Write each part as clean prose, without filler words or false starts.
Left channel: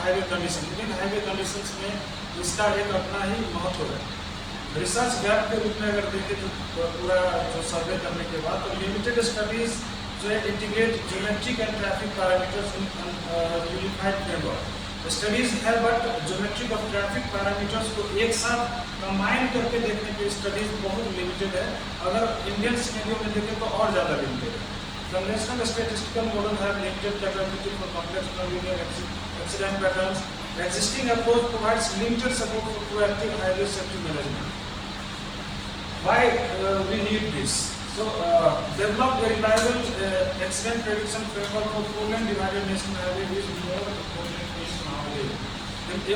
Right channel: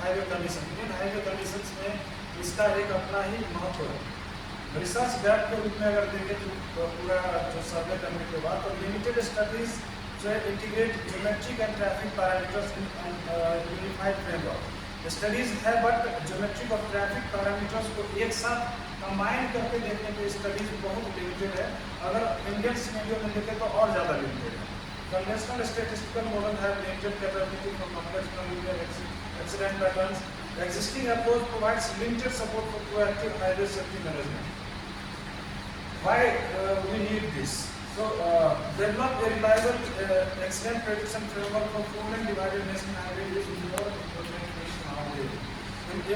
Highway condition. Indian highway conditions में इसका एक अपना ही महत्व है। रिसर्च गैप के रूप में अगर देखें तो पूरा जो सर्वे करने के बाद तो लिमिटेड स्टडीज जो integrate geometric and traffic parameters in unified framework. Studies है बट ज्योमेट्रिक और ट्रैफिक पैरामीटर्स को एक साथ कंबाइन करके देखने की स्टडीज बहुत लिमिटेड है। अगर इंडियन सिनेरियो में देखें तो और ज़्यादा लिमिटेड है। कन्वेंशनल स्टैटिस्टिकल मॉडल है limited capability for complex nonlinear accident patterns. Existing approach provides limited support for proactive highway safety management. Why we need this? So, develop a reliable accident prediction framework for four-lane divided national highway is more important nowadays.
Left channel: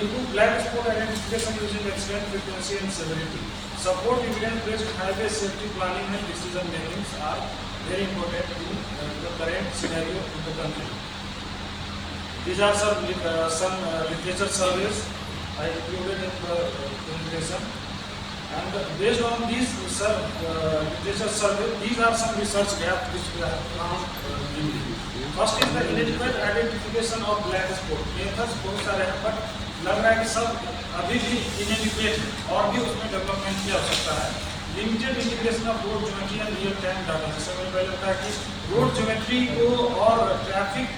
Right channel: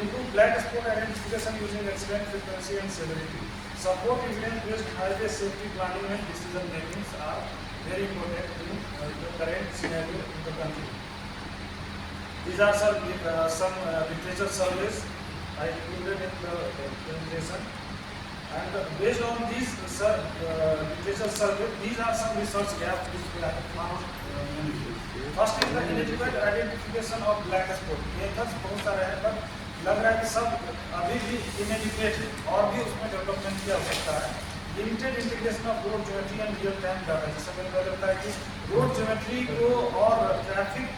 Improve black spot identification using accident frequency and severity. Support evidence-based highway safety planning and decision making are very important in the current scenario in the country. These are some literature surveys I included in the presentation, and based on these literature surveys, these are some research gaps which we have found mainly. First is the inadequate identification of black spot. Methods बहुत सारे हैं but लग रहा है कि सब अभी भी inadequate है और भी उसमें डेवलपमेंट की आवश्यकता है। Limited integration of road geometry and real time data. जैसे मुझे पहले लगता है कि रोड ज्योमेट्री को और ट्रैफिक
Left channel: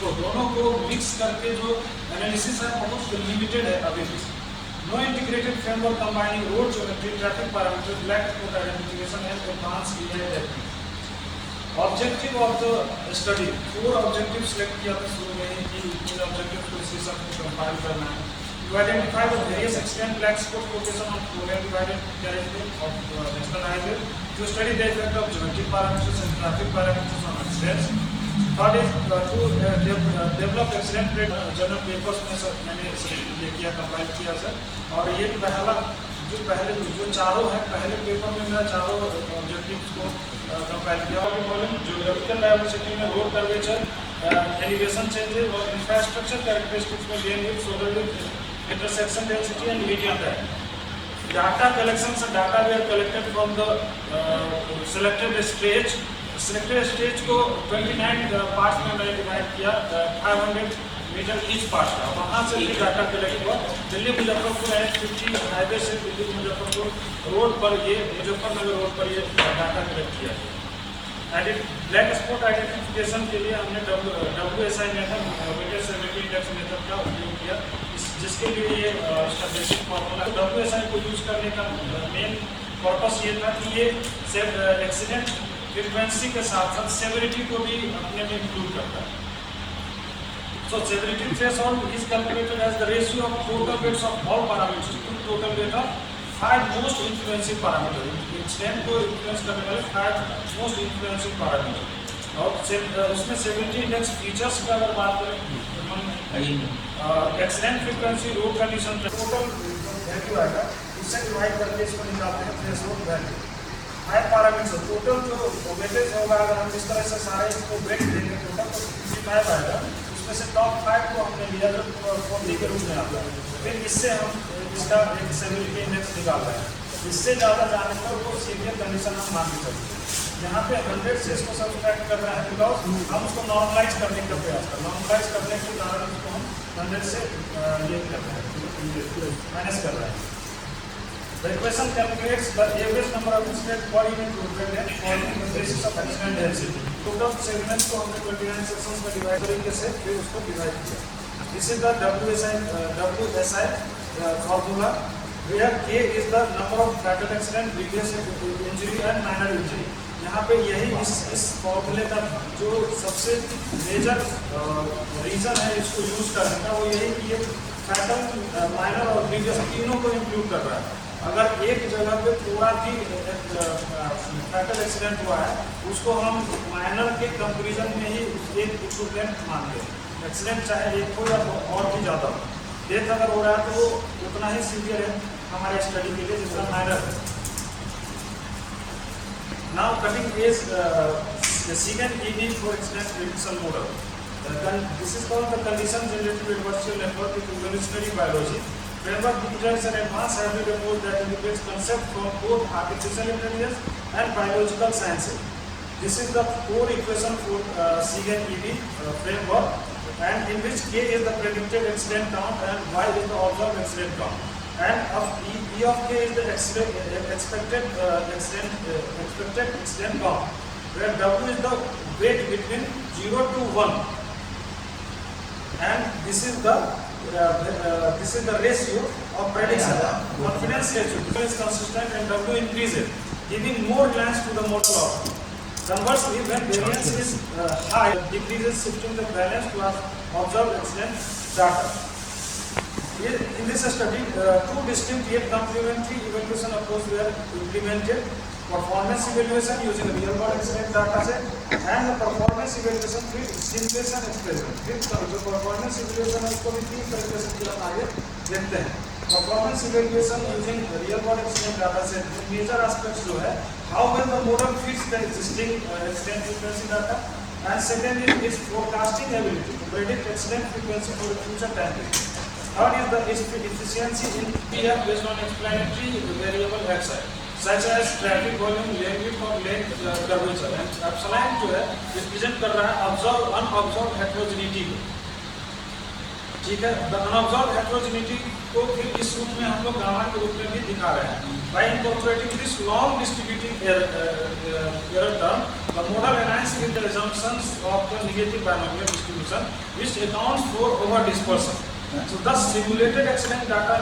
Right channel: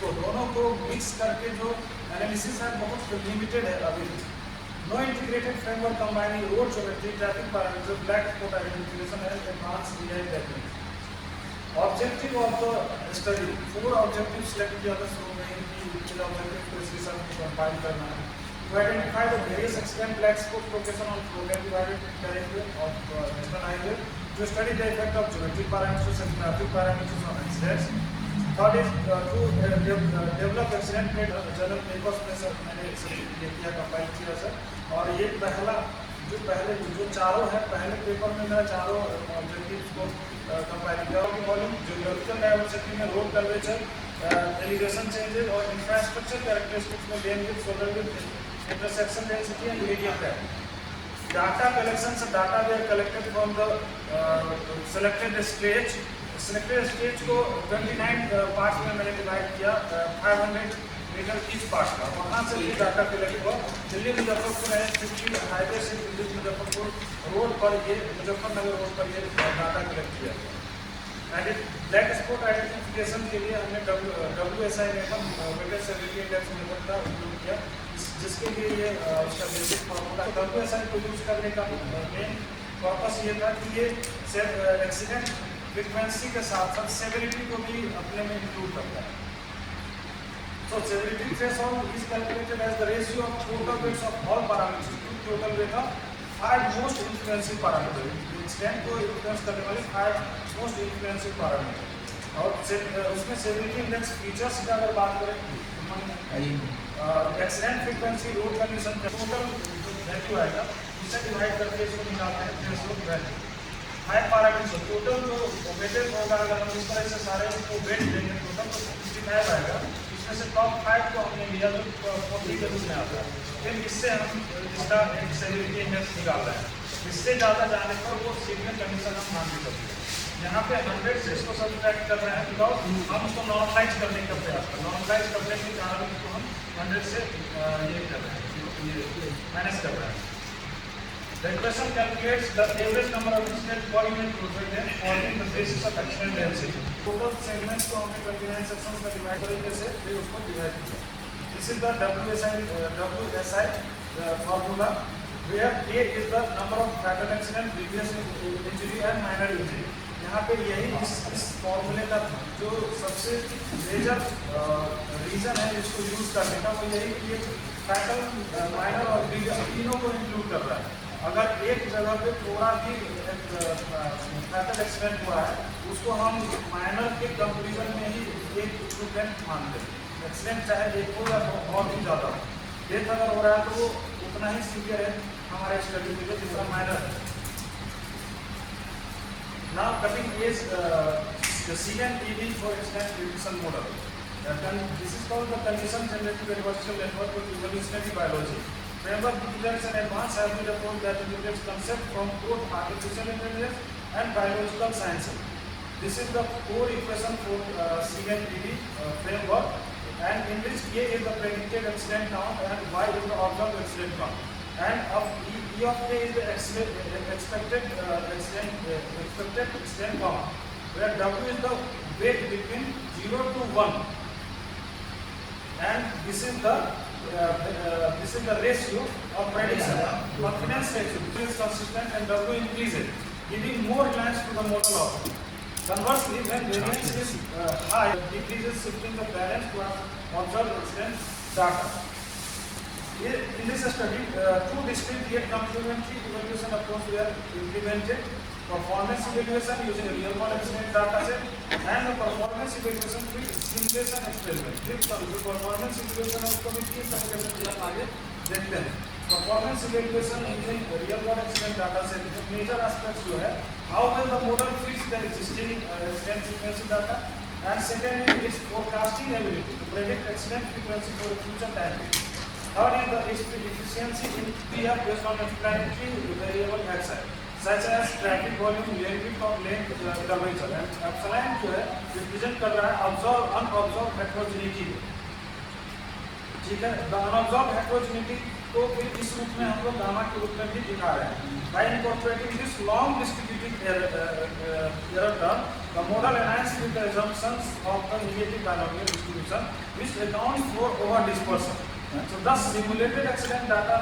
तो दोनों को मिक्स करके जो एनालिसिस है बहुत लिमिटेड है अभी भी। No integrated framework combining road geometry traffic parameter black spot identification and advance AI technique. Objective of the study, 4 objective select किया था शुरू में ही कि इन ऑब्जेक्टिव को इसी सब को कंपाइल करना है। To identify the various accident black spot location of programme guided of national highway. To study the effect of geometric parameters and traffic parameters on accidents. Third is to develop accident rate journal papers में मैंने ये किया compile किया sir. और ये पहले जो चारों है पहले पेपर में मेरा चारों ऑब्जेक्टिव्स को कंपाइल किया। और वॉल्यूम ज्योग्राफिकल डाइवर्सिटी में रोड कर्वेचर एलिवेशन चेंजेस और इंफ्रास्ट्रक्चर कैरेक्टरिस्टिक्स में lane width shoulder width intersection density and medium depth. Data collection से data were collected from the selected stage. Selected stage को 29 parts में मैंने divide किया 500 metre each part का। वहाँ से भी डाटा कलेक्ट हुआ। दिल्ली मुजफ्फरपुर N50 हाईवे से दिल्ली मुजफ्फरपुर रोड पर ये मुजफ्फरनगर रोड पर ये डाटा कलेक्ट किया। ब्लैक स्पॉट आइडेंटिफिकेशन के लिए हमने WSI method weighted severity index method का उपयोग किया, जिसके लिए ये इसका बेसिक फॉर्मूला। WSI को यूज करने का मेन पर्पस ये था कि ये एक्सीडेंट फ्रीक्वेंसी के साथ साथ सेवेरिटी को भी अपने में इंक्लूड करता है। So severity threshold is calculated as the ratio of total weights of all parameters to total weight of 5 most influencing parameters. Incident को influence करने वाले 5 most influencing parameters। और उसमें severity index features की अगर बात करें accident frequency road condition total जो वैल्यू आएगा उससे डिवाइड करके इसको निकालते हैं थ्रेशोल्ड वैल्यू। 5 पैरामीटर टोटल जो वेटेज होगा अगर हम इस तरह से सारे इसको वेट देंगे टोटल तो 55 आएगा। उसमें से टॉप 5 को हमने लिया जो 40 के रूप में आता है। फिर इससे हम इसका एक सेवेरिटी इंडेक्स निकाल रहे हैं। इससे ज़्यादा जाने पर वो सीवियर कंडीशन हम मान के चलते। यहाँ पे 100 से इसको सब्सट्रैक्ट कर रहे हैं बिकॉज हम उसको नॉर्मलाइज करने का प्रयास कर नॉर्मलाइज करने के कारण इसको हम 100 से ये कर रहे हैं माइनस कर रहे हैं। The equation calculates the average number of incidents per unit roadway length on the basis of accident density. Total segments को हमने 29 sections में डिवाइड करेंगे से फिर उसको डिवाइड किया। This is the WSI formula where K is the number of fatal accident, serious injury and minor injury. यहाँ पे यही इस फॉर्मूले का जो सबसे मेजर रीजन है इसको यूज करने का वो यही कि ये फैटल, माइनर और सीरियस तीनों को इंक्लूड कर रहा है। अगर एक जगह पे थोड़ा भी फैटल एक्सीडेंट हुआ है उसको हम माइनर के कंपेरिजन में ही एक इक्विवेलेंट मानते हैं। एक्सीडेंट चाहे एक हो या और भी ज़्यादा हो, डेथ अगर हो रहा है तो वो उतना ही सीवियर है हमारे स्टडी के लिए जितना माइनर है। Now cutting edge second ED for accident prediction model. This is called the condition generative adversarial network in evolutionary biology. Framework depicts an advanced hybrid approach that integrates concepts from both artificial intelligence and biological sciences. This is the core equation for SIGINT-ED framework, and in which K is the predicted accident count and Y is the observed accident count. And of E of K is the expected accident count, where W is the weight between 0 to 1, and this is the ratio of prediction. Confidence ratio is consistent and W increases, giving more reliance to the model outcome. Conversely, when variance is high, decreases, shifting the balance to observed accident data. In this study, two distinct yet complementary evaluation approaches were implemented: performance evaluation using real world accident data set and the performance evaluation with simulation experiment. The performance evaluation को भी तीन तरीके से हम आगे देखते हैं. Performance evaluation using real world accident data set, major aspects जो है how well the model fits the existing accident frequency data, and second is its forecasting ability to predict accident frequency for the future time. Third is the efficiency in PR based on explanatory variable xi, such as traffic volume, lane width और lane curvature. epsilon जो है represent कर रहा है unobserved heterogeneity को. ठीक है, the unobserved heterogeneity को फिर इस रूप में हम लोग गामा के रूप में भी दिखा रहे हैं. By incorporating this long distributing error term, the model aligns with the assumptions of the negative binomial distribution, which accounts for over dispersion. So thus simulated accident data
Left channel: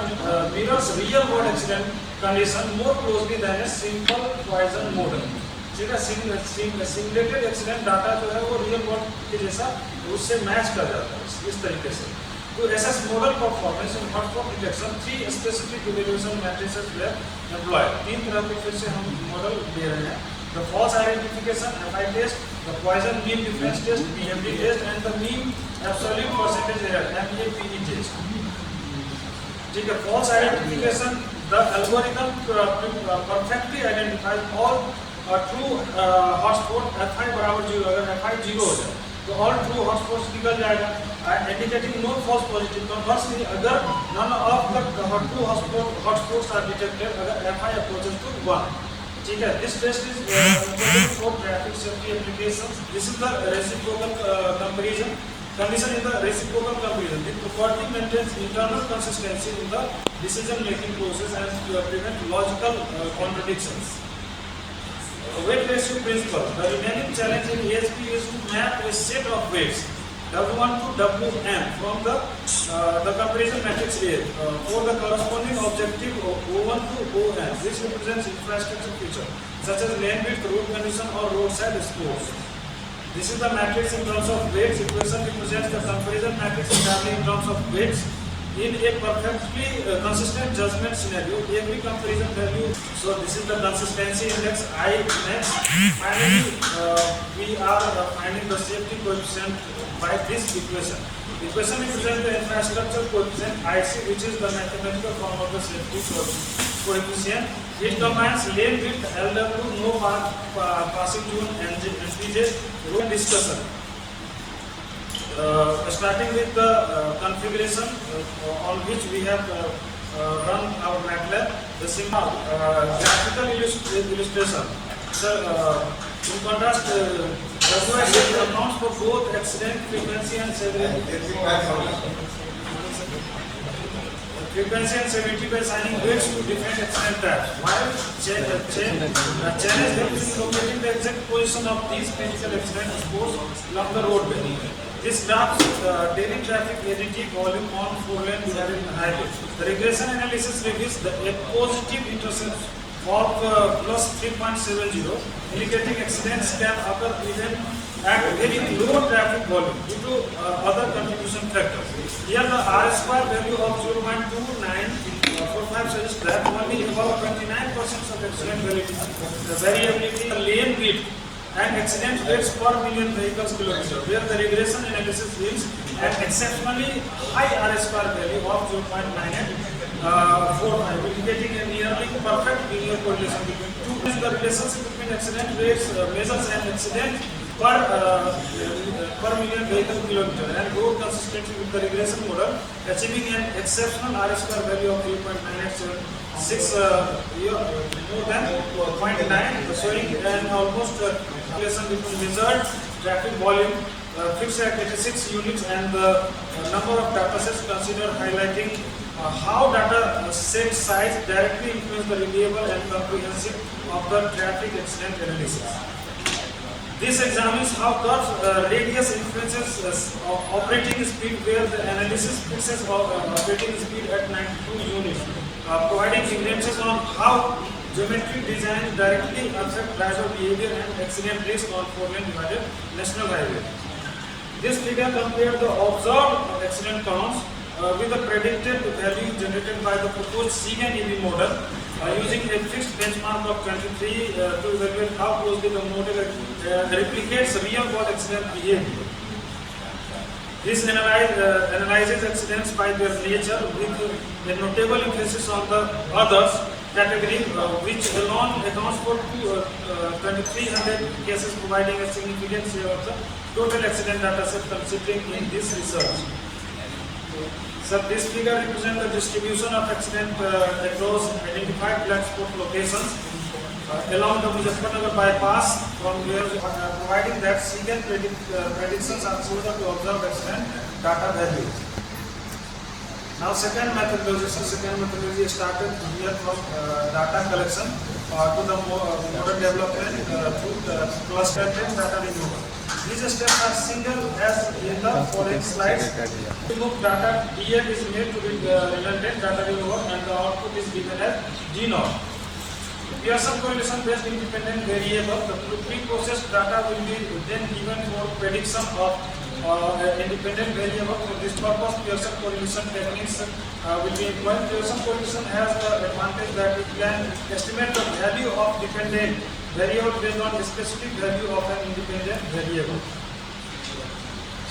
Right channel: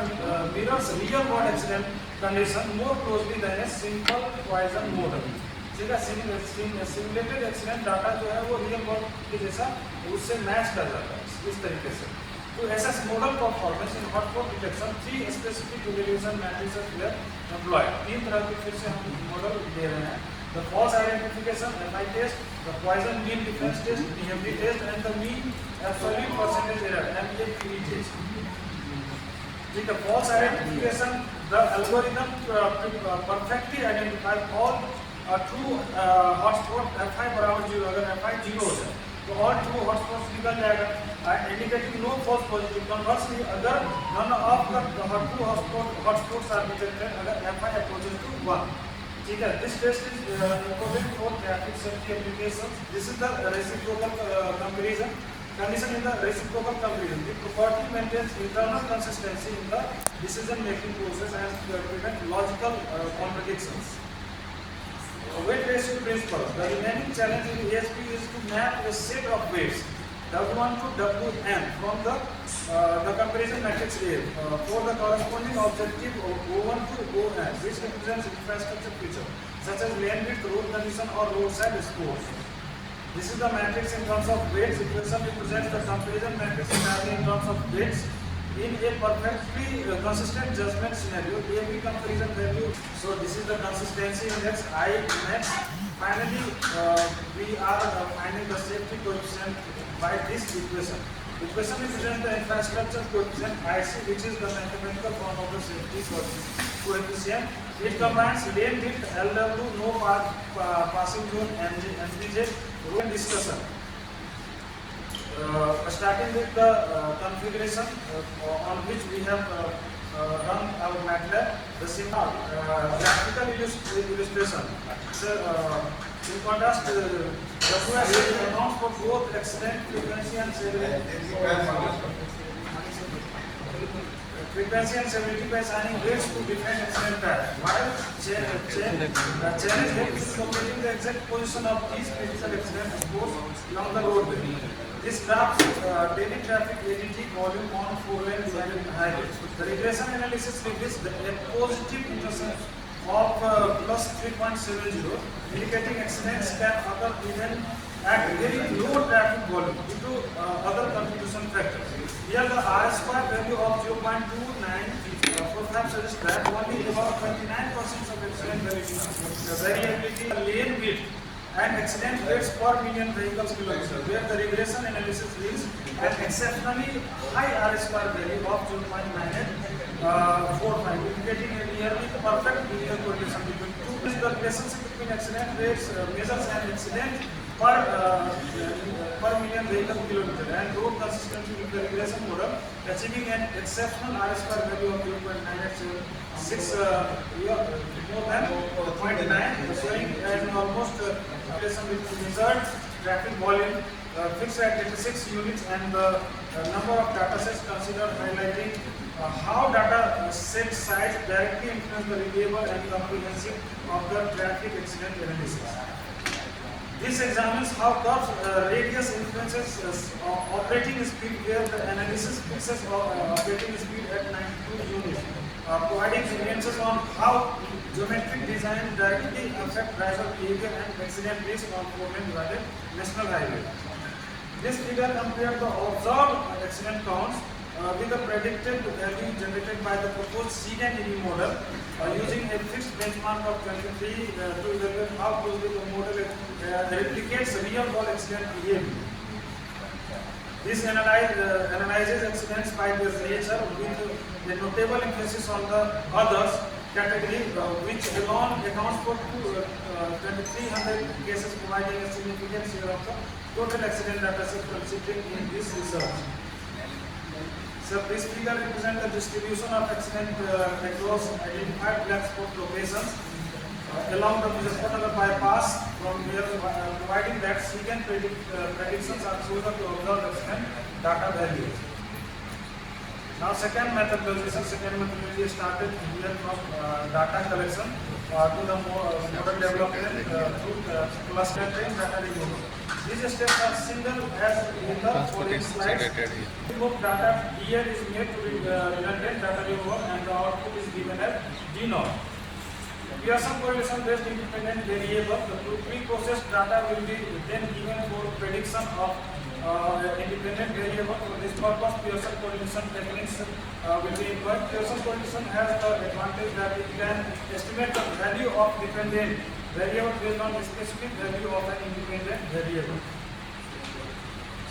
mirrors real world accident condition more closely than a simple Poisson model. ठीक है, simulated accident data जो है वो real world के जैसा उससे match कर जाता है इस तरीके से. To assess model performance in hotspot detection, three specific evaluation matrices were employed. तीन तरह के फिर से हम मॉडल दे रहे हैं: the false identification (FI) test, the Poisson mean difference test (PMD) test, and the mean absolute percentage error (MAPE) test. ठीक है, false identification, the algorithm perfectly identifies all true hotspot FI बराबर 0. अगर FI 0 हो जाए तो all true hotspots निकल जाएगा, indicating no false positive. Conversely, अगर none of the true hotspots are detected, अगर FI approaches to 1. ठीक है, this test is for traffic safety applications. This is the reciprocal comparison. Condition in the reciprocal comparison. The property maintains internal consistency in the decision-making process and prevent logical contradictions. Weight ratio principle. The remaining challenge in ASP is to map a set of weights W1 to Wm from the comparison matrix A for the corresponding objective O1 to On, which represents infrastructure feature such as lane width, road condition, or roadside scores. This is the matrix in terms of weights. Equation represents the comparison matrix entirely in terms of weights. In a perfectly consistent judgment scenario, every comparison value. So this is the consistency index I max. Finally, we are finding the safety coefficient by this equation. Equation represents the infrastructure coefficient IC, which is the mathematical form of the safety coefficient. It combines lane width, LW, no passing zone, NPJ, road discussion. Starting with the configuration on which we have run our MATLAB, the simple graphical illustration. So, in contrast, WSA accounts for both accident frequency and severity by assigning weights to different accident types. While challenge helps in locating the exact position of these critical accident scores along the roadway. This graphs daily traffic NET volume on 4-lane divided highway. The regression analysis reveals a positive intercept of plus 3.70, indicating accidents can occur even at very low traffic volume due to other contribution factors. Here the R-square value of 0.2945 suggests that only about 29% of accident variability, lane width, and accident rates per million vehicles kilometer, where the regression analysis yields an exceptionally high R-square value of 0.9845, indicating a nearly perfect linear correlation between two. The relationship between accident rates measures an accident per million vehicle kilometer and road consistency with the regression model, achieving an exceptional R-square value of 0.9876, more than 0.9, showing an almost relation between measured traffic volume fixed at 86 units, and the number of data sets considered, highlighting how data set size directly influence the reliable and comprehensive of the traffic accident analysis. This examines how curve radius influences operating speed, where the analysis fixes operating speed at 92 units, providing evidences on how geometric design directly affect driver behavior and accident risk on 4-lane divided national highway. This figure compared the observed accident counts with the predicted value generated by the proposed SIG and EV model, using a fixed benchmark of 23 to evaluate how closely the model replicates real world accident behavior. This analyzes accidents by their nature, with a notable emphasis on the others category, which alone accounts for 2,300 cases, providing a significant share of the total accident data set considering in this research. So this figure represents the distribution of accident across identified black spot locations along the Muzaffarnagar bypass, from where providing that SIG predictions are similar to observed accident data values. Now second methodology started here from data collection to the modern development through the cluster data removal. These steps are single as in the following slides. Remove data, DL is made to be redundant data removal, and the output is given as G0. Pearson correlation based independent variable, the pre-processed data will be then given for prediction of independent variable. For this purpose, Pearson correlation techniques will be employed. Pearson correlation has the advantage that it can estimate the value of dependent variable based on a specific value of an independent variable.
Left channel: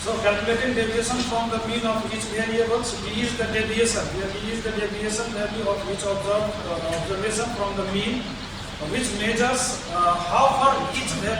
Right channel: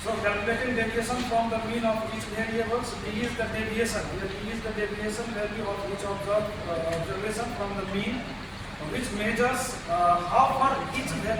So calculating deviation from the mean of each variable, D is the deviation, where D is the deviation value of each observation from the mean, which measures how for each value